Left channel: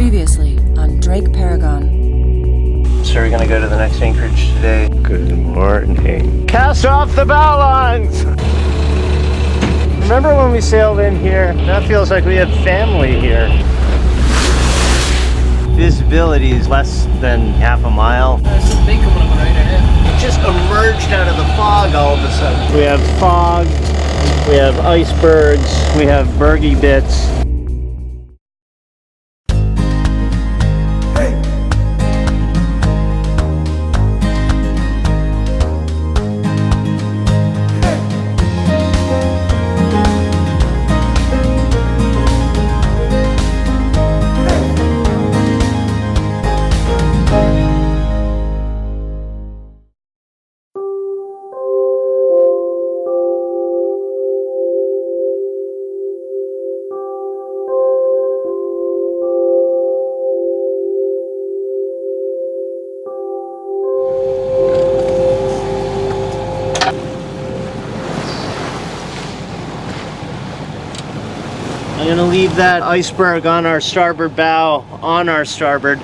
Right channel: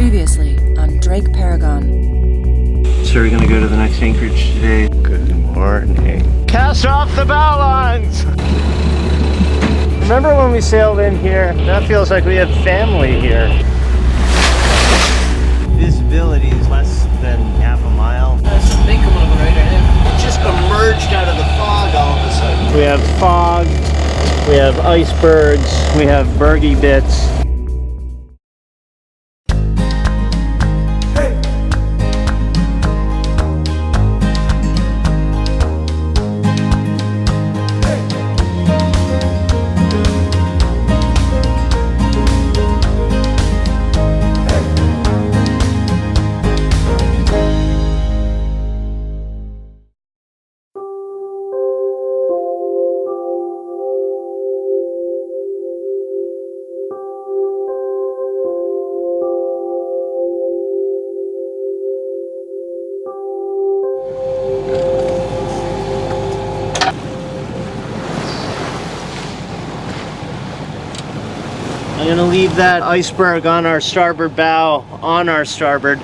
Previously on DrakeParagon. So we're gonna go to the next anchorage today. Good morning. Cast off the bow lines! Remember when we sailed in here? That feels like we have family here. Visibility is less than half a mile. There's some big coming up right now. It just emerged out of the fog all of a sudden. We have fog, we have icebergs, we have bergy bits. I'm gonna leave that iceberg on our starboard bow, on our starboard.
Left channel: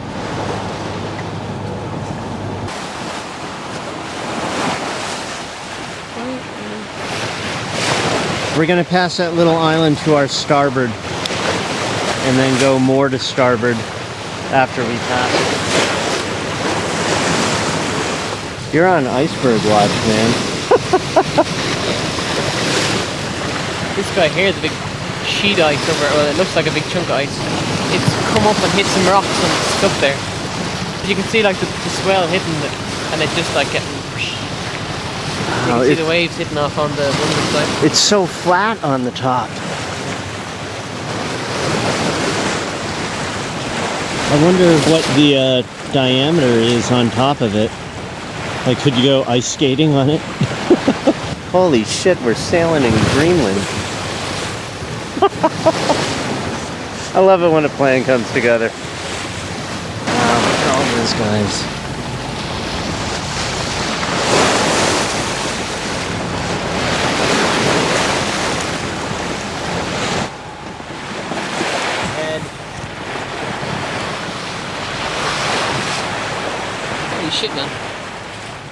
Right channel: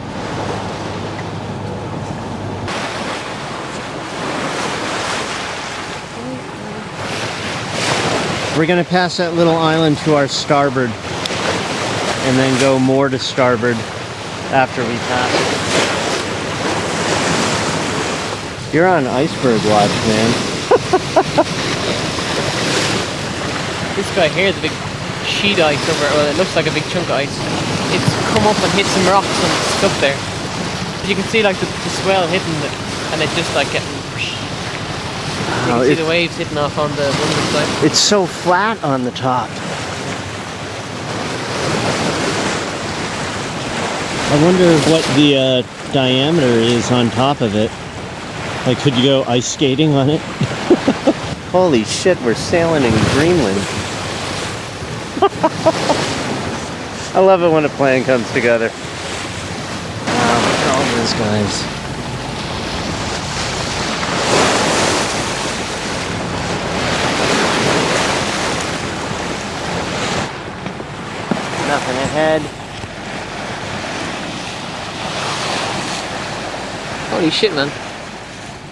We're gonna pass that little island to our starboard and then go more to starboard after we pass it. You're on iceberg watch, man. This guy here is a big sheet ice over, well, it looks like a big chunk of ice. It's come up and hit some rocks and stuff there. But you can see like the swell hitting it, and it's just like getting. You can see the waves hitting off on the one side. It's so flat on the top. I wonder what the diameter is on top of it. Like, could you go ice skating on it? Holy shit, we're sailing in Greenland. I love it when a plan comes together. Wow, look at all those guys. Nothing ahead. Holy shit, man.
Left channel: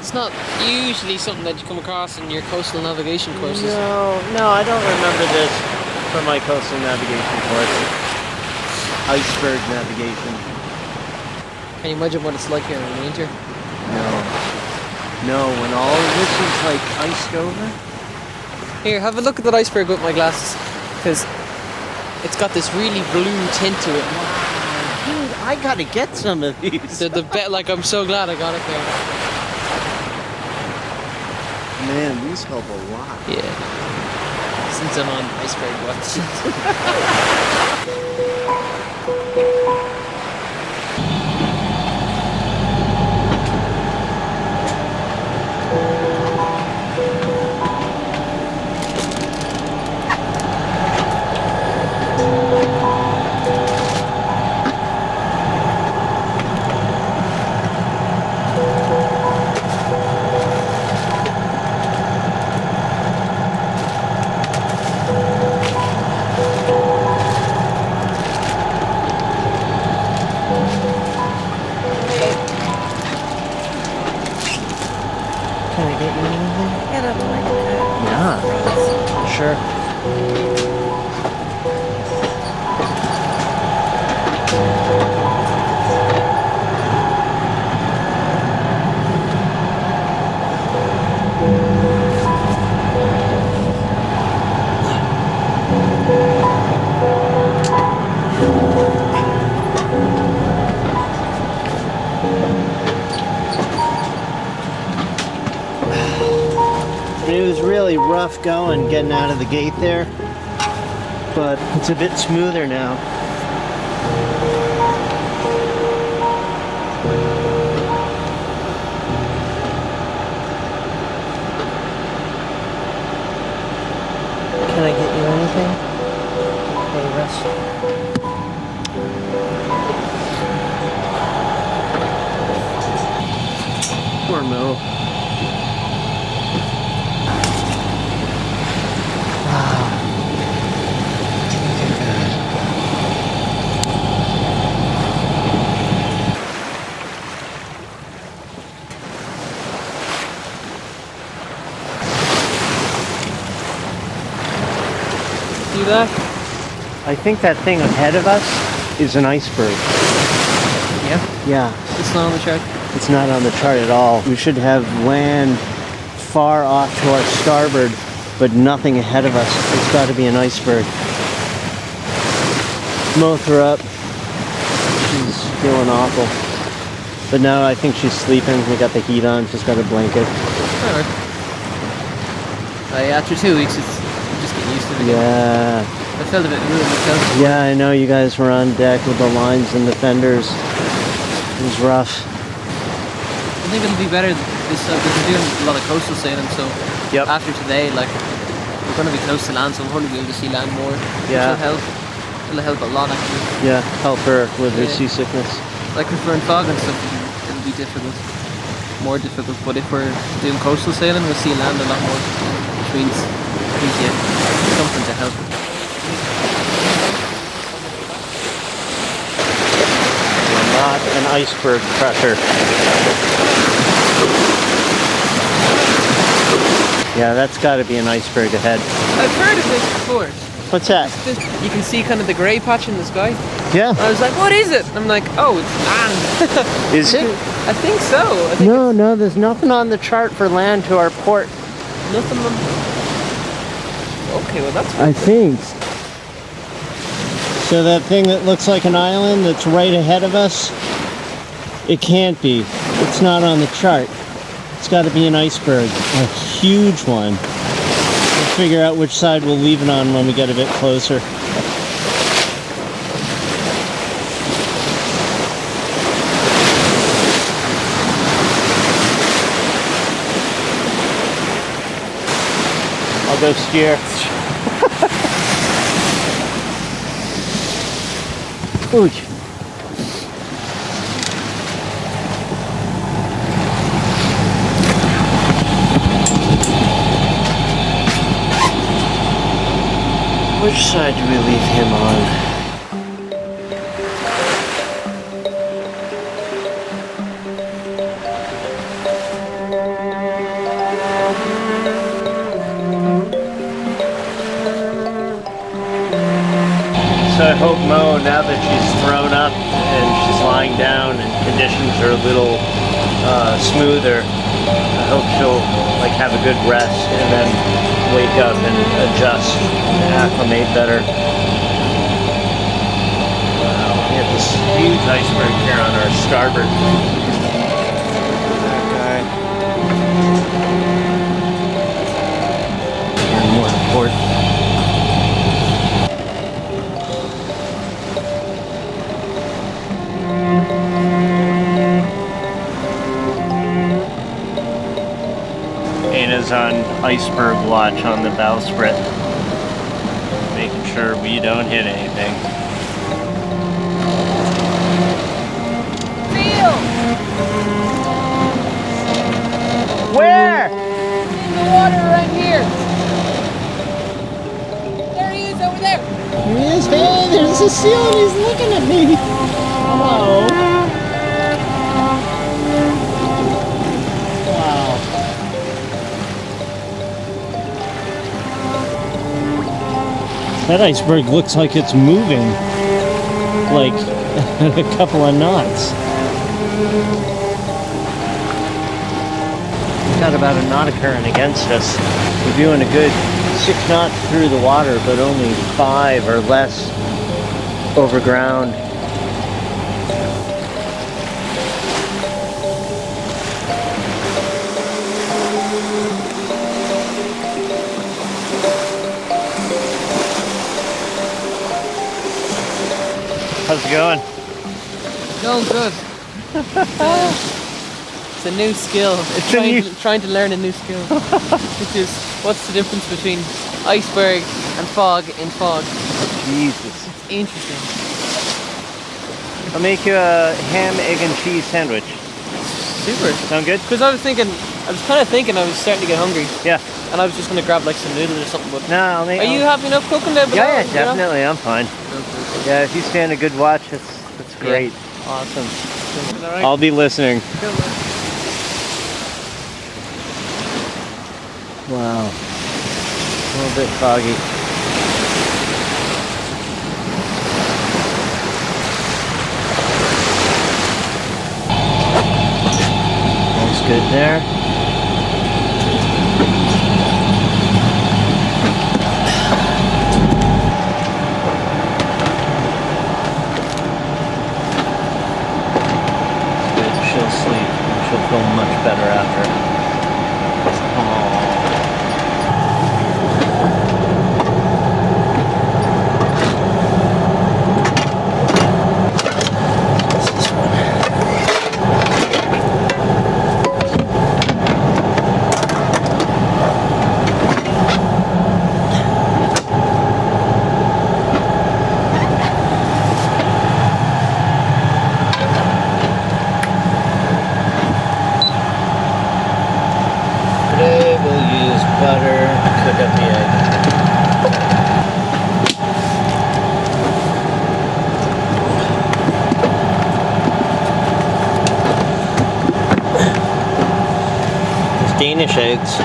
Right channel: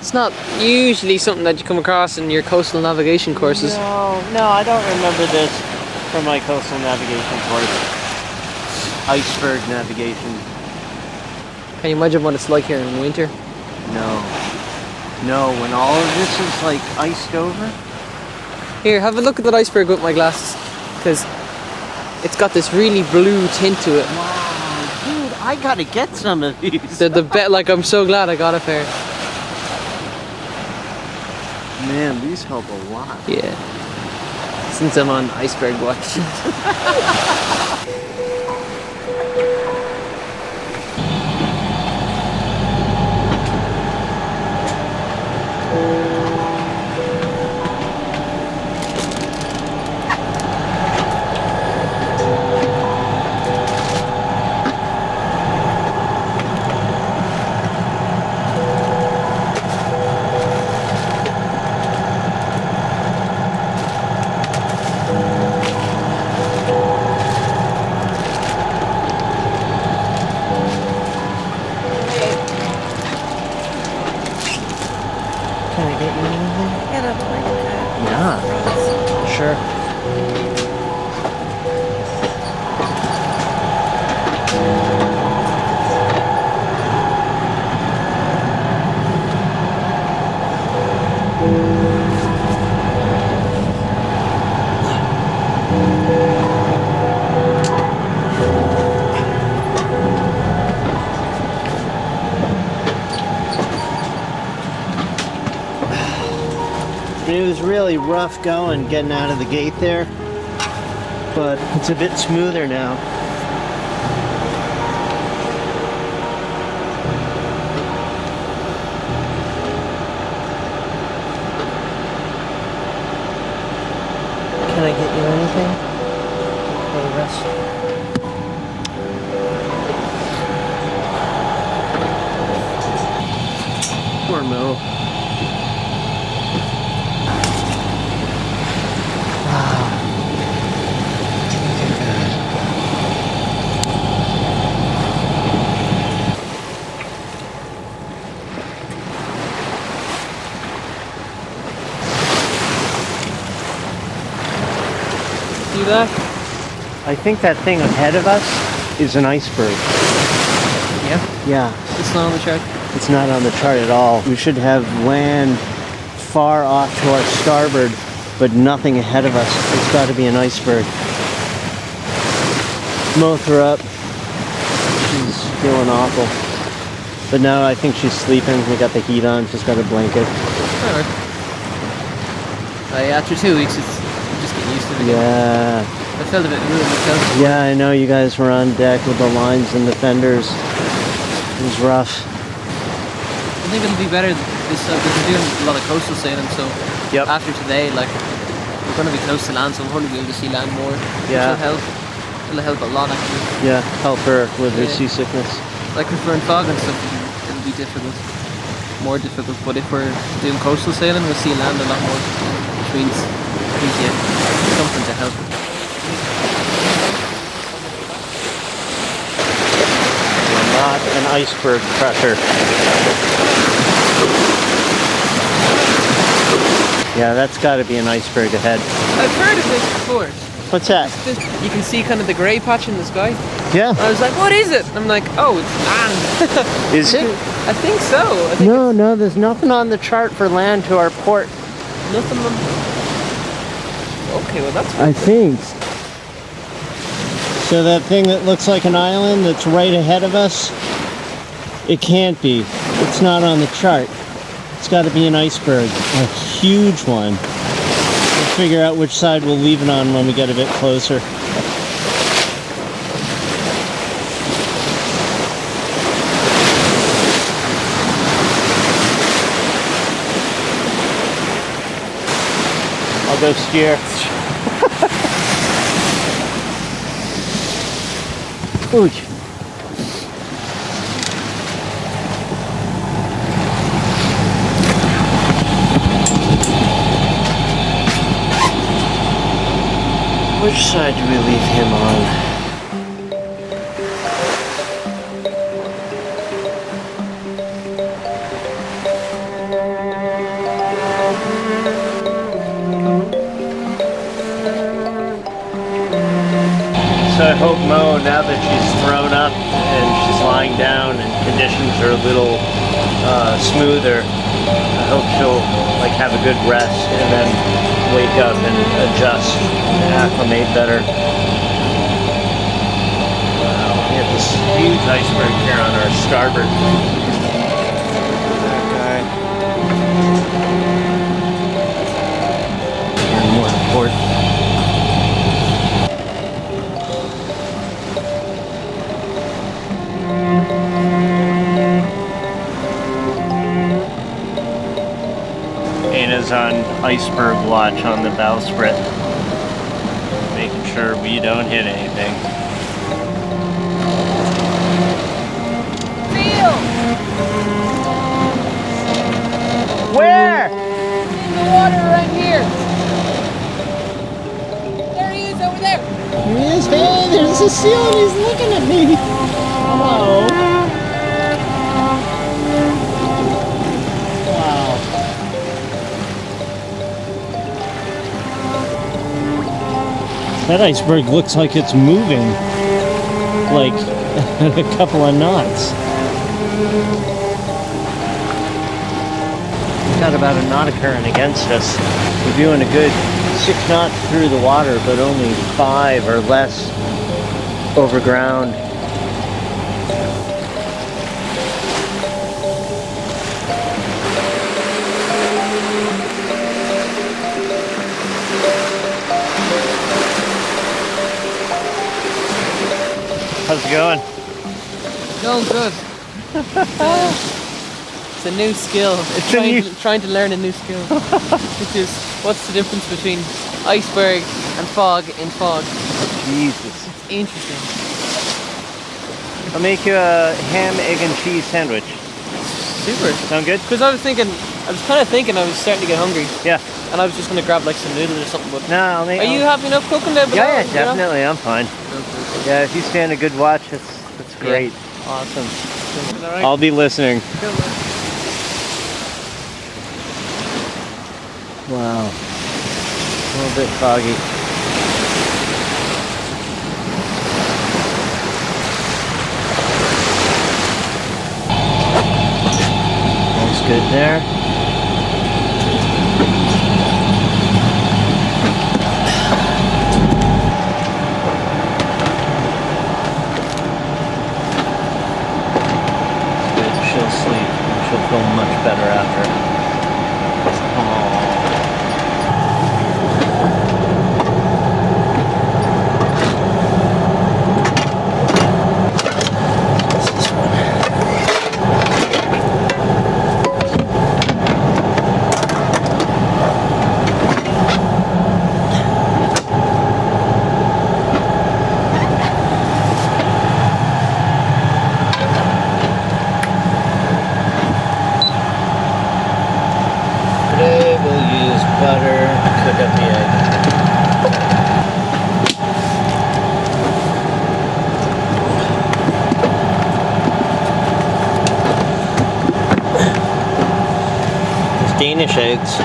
It's not usually something that you come across in your coastal navigation courses. No, I don't remember this from my coastal navigation course. Iceberg navigation. Can you imagine what it's like here in winter? No, when all of this is like iced over. Here, have a look at that iceberg with my glasses, because it's got this really blue tint to it. Wow, dude, I gotta get some of these. They're the bet. Like, I'm so glad I got a pair. Man, these help a lot. Yeah. Since I'm on iceberg watch. Can I get you anything? Get up like that. Yeah, sure. It was really rough going, getting out of the gate there, but it's a bit smoother now. Can I get you anything? Hey, Russ. Poor Mo. Wow. Look at that. See that? I think that thing ahead of us is an iceberg. Yeah. Yeah, It's not on the chart. it's not on the chart at all. We should have land far off to our starboard, but nothing ahead of us. It's got to be an iceberg. Moth her up. She's feeling awful. But now I think she's sleeping. We got the heat on. She's got a blanket. Alright. After 2 weeks, it's I'm just getting used to it again. Yeah. I felt a bit rude myself. Yeah, I know you guys were on deck with the lines and the fenders. It was rough. I think it'll be better this because we're doing a lot of coastal sailing, so Yep. after today, like, we're going to be close to land, so we'll probably be able to see land more, Yeah. which will help. It'll help a lot, actually. Yeah, help her with her Yeah. seasickness. Like, if we're in fog and stuff, it'll be difficult, more difficult, but if we're doing coastal sailing, we'll see land a lot more, which means, yeah, something to help. Not an iceberg crusher. Yeah, that's got to be an iceberg ahead. I've heard of this before. What's that? You can see kind of the grey patch in the sky. Yeah. I was like, what is it? I'm like, oh, it's land. Is it? I think so. I think No, there's nothing on the chart for land to our port. nothing on... Okay, well that's I think. So that thing that looks like an island that's right ahead of us, it can't be. It's not on the chart. It's got to be an iceberg, a huge one. We'll figure out which side we'll leave it on when we get a bit closer. I'll go steer. Ooh. Which side do we leave him on? So I hope Mo, now that she's thrown up and she's lying down and conditions are a little smoother, I hope she'll like have a good rest and then wake up and adjust and acclimate better. Wow, we have this huge iceberg here on our starboard. That guy. And more port. Ana's on iceberg watch on the bowsprit, making sure we don't hit anything. Seal! Where? In the water right here. There he is over there. There he is. Hey, there's a seal and he's looking at me. Hello. Wow. That iceberg looks like it's moving, like at a couple of knots. We've got about a knot of current against us. We're doing a good 6 knots through the water, but only 5 or less over ground. How's it going? Going good. It's a new skill. It's trying to learn a new skill. Which is, what's the difference between iceberg and fog in fog? Jesus. It's interesting. I'll make you a ham, egg, and cheese sandwich. Super. Sound good? Because I was kind of thinking I was starting to get hungry. Yeah. And I was just going to grab like some noodles or something. But No, I'll make. are you having enough cooking there below? Yeah, you know? definitely. I'm fine. Okay. Yeah, if you stand a good watch, that's great. Awesome. All right. I'll be listening. Cool, man. Wow. A little bit foggy. there. She'll sleep. She'll feel much better after. Today we'll use butter to cook up the egg. These Danish eggs,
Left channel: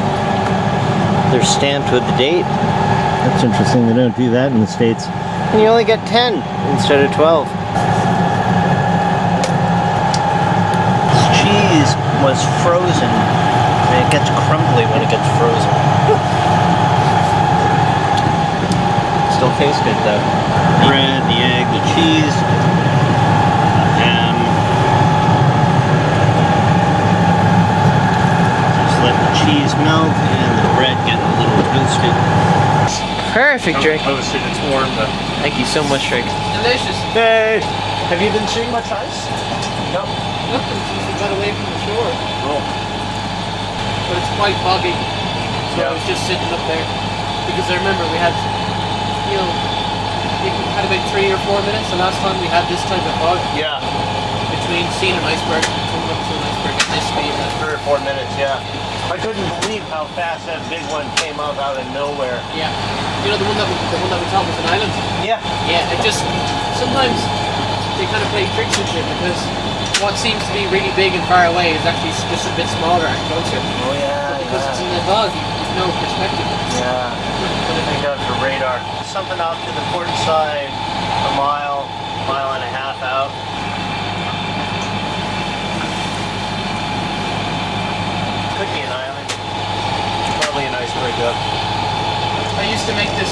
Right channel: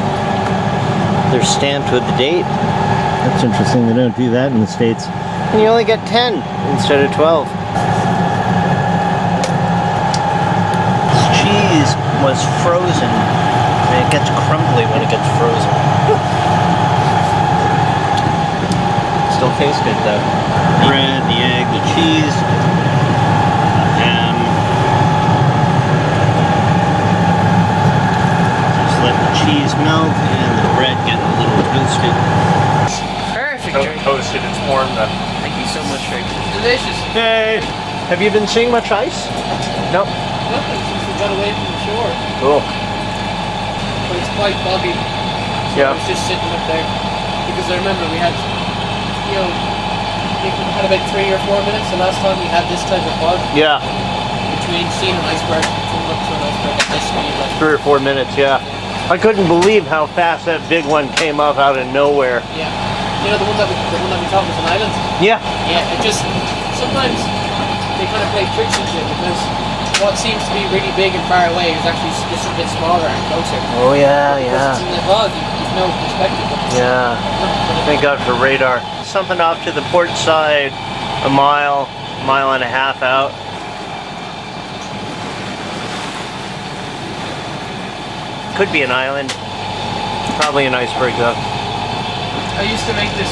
they're stamped with the date. That's interesting, they don't do that in the States. And you only get 10 instead of 12. This cheese was frozen. And it gets crumbly when it gets frozen. Still tastes good though. The bread, the egg, the cheese, the ham. Just let the cheese melt and the bread get a little toasted. Perfect, Drake. Toasted, it's warm though. Thank you so much, Drake. Delicious. Yay. Have you been seeing much ice? Nope. Nothing since we got away from the shore. Oh. But it's quite foggy. So Yeah. I was just sitting up there. Because I remember we had, you know, we had about 3 or 4 minutes the last time we had this type of fog. Yeah, Between seeing an iceberg and coming up to an iceberg at this speed. Like, 3 or 4 minutes, yeah. I couldn't believe how fast that big one came up out of nowhere. yeah. You know the one that we thought was an island? Yeah. Yeah, it just, sometimes they kind of play tricks with it because what seems to be really big and far away is actually just a bit smaller and closer. Oh yeah, But because it's in the fog, you've no perspective. Yeah. Thank God for radar. Something off to the port side, a mile and a half out. Could be an island. Probably an iceberg though. I used to make this,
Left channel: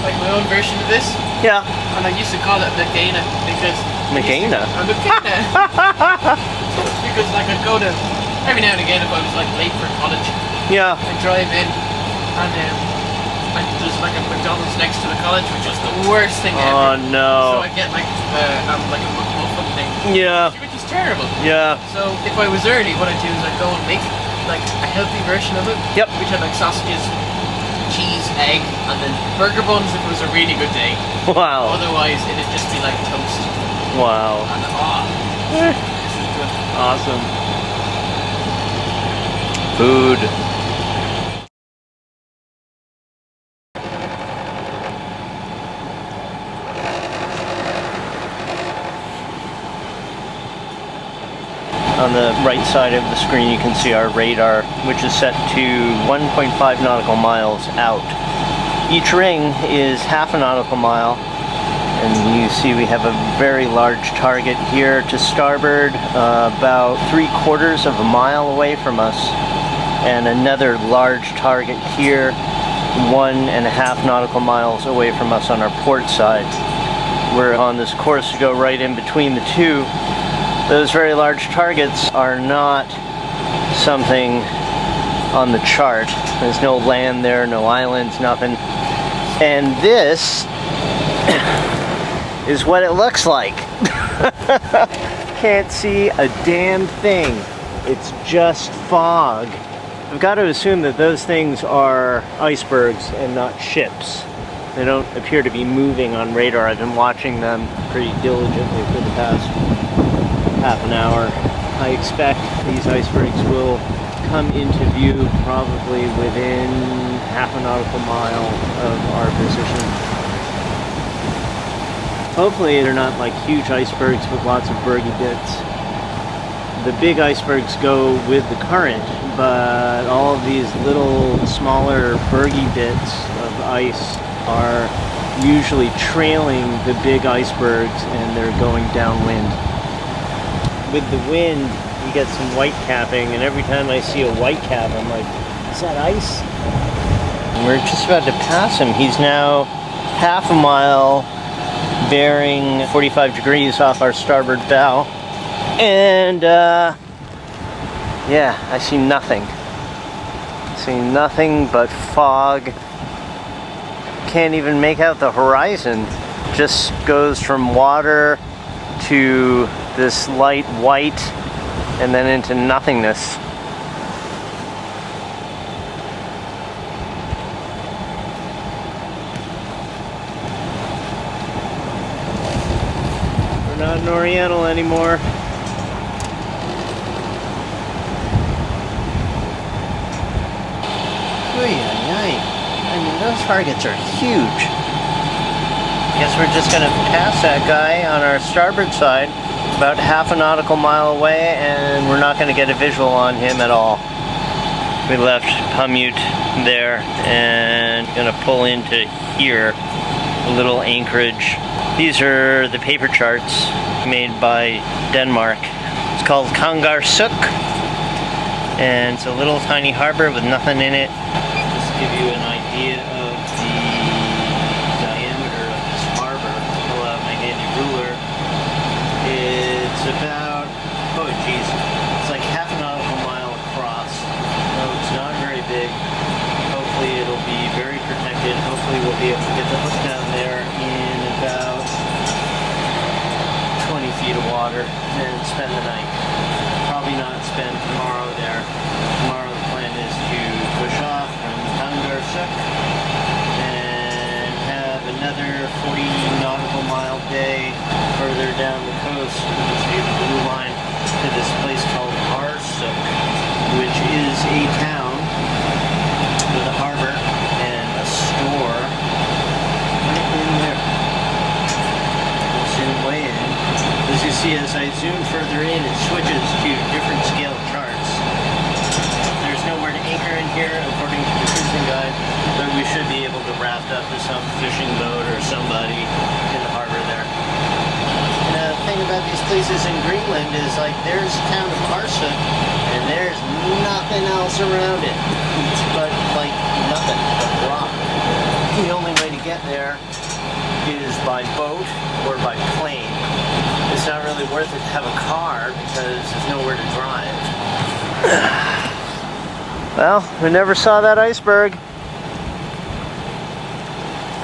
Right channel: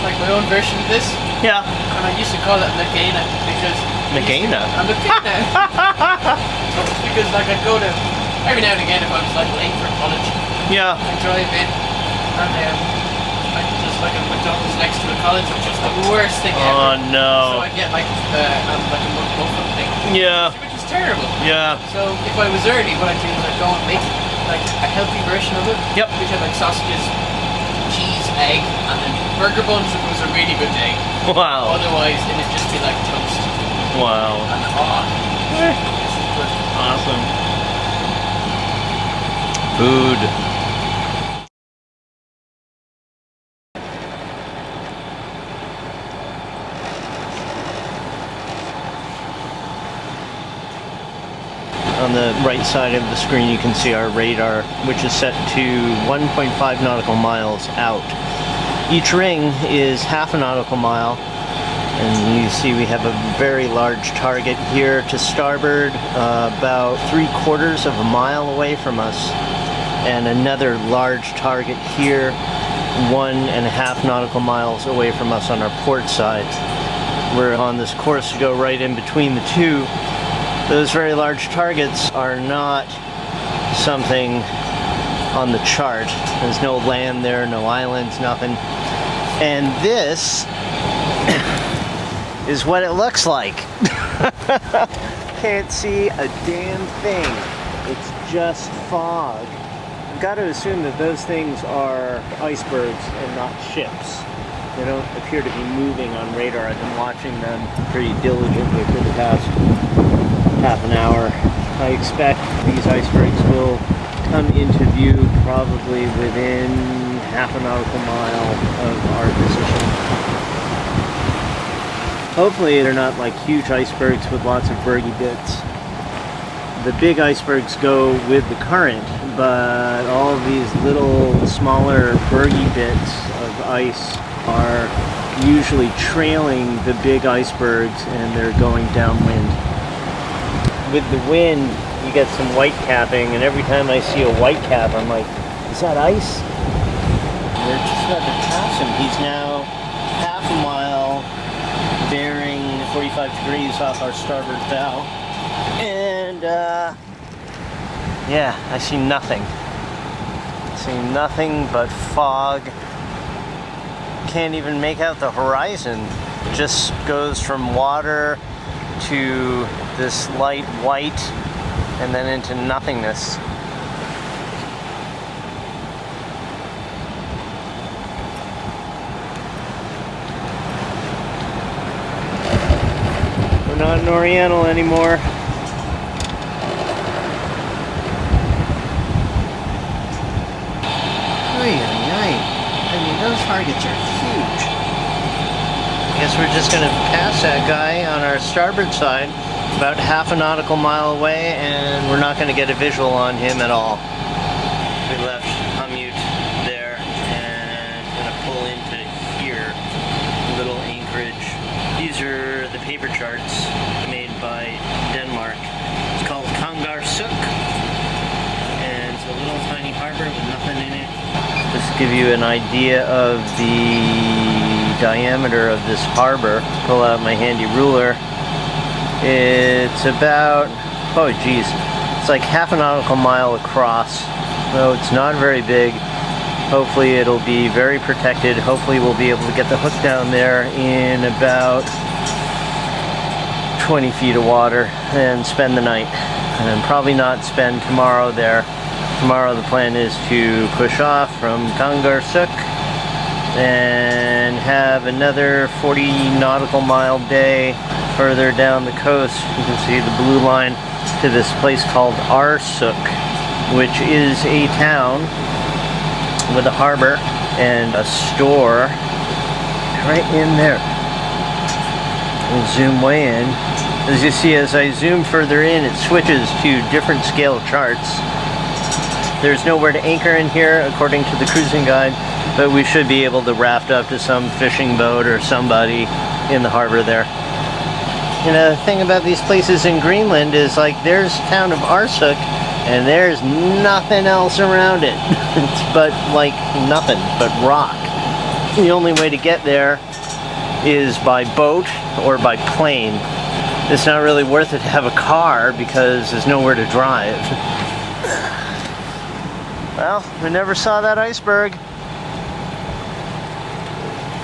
like my own version of this, Yeah. and I used to call it Nakana because Nakana? I'm Nakana. Because like I'd go to, every now and again if I was like late for college, Yeah. I'd drive in and there's like a McDonald's next to the college, which is the worst thing ever. Oh no. So I'd get like a McMuffin thing, Yeah. which is terrible. Yeah. So if I was early, what I'd do is I'd go and make like a healthy version of it, Yep. which had like sausages, cheese, egg, and then burger buns if it was a really good day. Wow. Otherwise, it'd just be like toast. Wow. And this is good. Awesome. Food. On the right side of the screen you can see our radar, which is set to 1.5 nautical miles out. Each ring is half a nautical mile, and you see we have a very large target here to starboard, about 3/4 of a mile away from us, and another large target here, 1.5 nautical miles away from us on our port side. We're on this course to go right in between the two. Those very large targets are not something on the chart. There's no land there, no islands, nothing. And this is what it looks like. Can't see a damn thing. It's just fog. I've got to assume that those things are icebergs and not ships. They don't appear to be moving on radar. I've been watching them pretty diligently for the past half an hour. I expect these icebergs will come into view probably within half a nautical mile of our position. Hopefully they're not like huge icebergs with lots of bergy bits. The big icebergs go with the current, but all of these little smaller bergy bits of ice are usually trailing the big icebergs and they're going downwind. With the wind, you get some white capping, and every time I see a white cap, I'm like, is that ice? And we're just about to pass him. He's now half a mile bearing 45 degrees off our starboard bow. And yeah, I see nothing. I see nothing but fog. Can't even make out the horizon. Just goes from water to this light white and then into nothingness. We're not in Oriental anymore. Oy, oy, oy. I mean, those targets are huge. Guess we're just gonna pass that guy on our starboard side, about half a nautical mile away, and we're not gonna get a visual on him at all. We left Humute there and gonna pull into here, a little anchorage. These are the paper charts made by Denmark. It's called Kangarsuk, and it's a little tiny harbor with nothing in it. Just to give you an idea of the diameter of this harbor. Pull out my handy ruler. It's about, oh geez, it's like half a nautical mile across. No, it's not very big. Hopefully it'll be very protected. Hopefully we'll be able to get the hook down there in about 20 feet of water and spend the night. And probably not spend tomorrow there. Tomorrow the plan is to push off from Kangarsuk and have another 40 nautical mile day further down the coast. You can see the blue line to this place called Arsuk, which is a town with a harbor and a store right in there. We'll zoom way in. As you see, as I zoom further in, it switches to different scale charts. There's nowhere to anchor in here, according to the cruising guide, but we should be able to raft up to some fishing boat or somebody in the harbor there. And the thing about these places in Greenland is, like, there's the town of Arsuk, and there's nothing else around it. It's but, like, nothing but rock. The only way to get there is by boat or by plane. It's not really worth it to have a car because there's nowhere to drive. Well, we never saw that iceberg.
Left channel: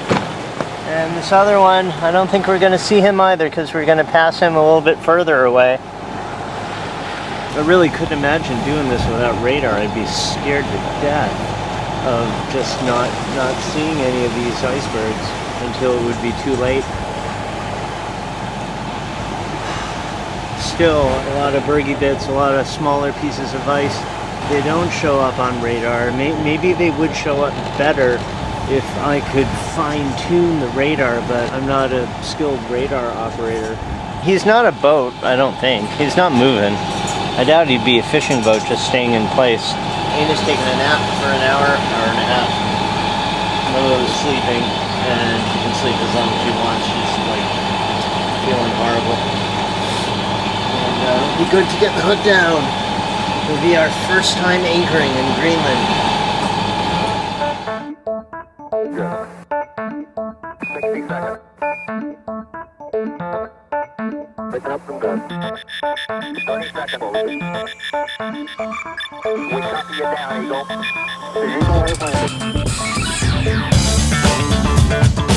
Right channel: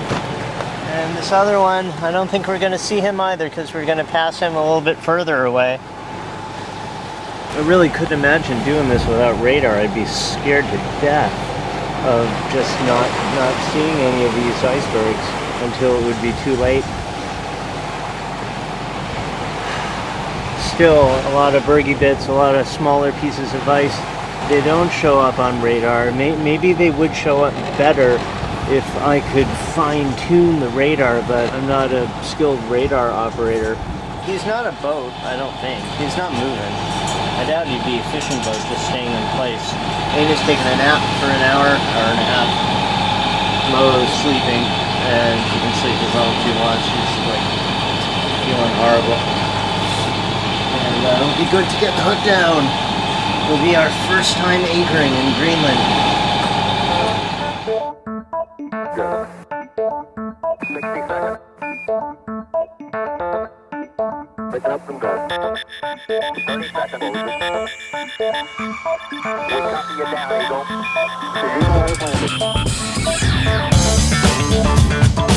And this other one, I don't think we're going to see him either because we're going to pass him a little bit further away. I really couldn't imagine doing this without radar. I'd be scared to death of just not seeing any of these icebergs until it would be too late. Still, a lot of bergy bits, a lot of smaller pieces of ice. They don't show up on radar. Maybe they would show up better if I could fine-tune the radar, but I'm not a skilled radar operator. He's not a boat, I don't think. He's not moving. I doubt he'd be a fishing boat just staying in place. Ana's taking a nap for an hour and a half. Mo's sleeping, and she can sleep as long as she wants. She's like feeling horrible. And it'll be good to get the hook down. It'll be our first time anchoring in Greenland. Good. 60 seconds. Pick up and go. 30 seconds. We copy you down, Eagle. Eagle has landed.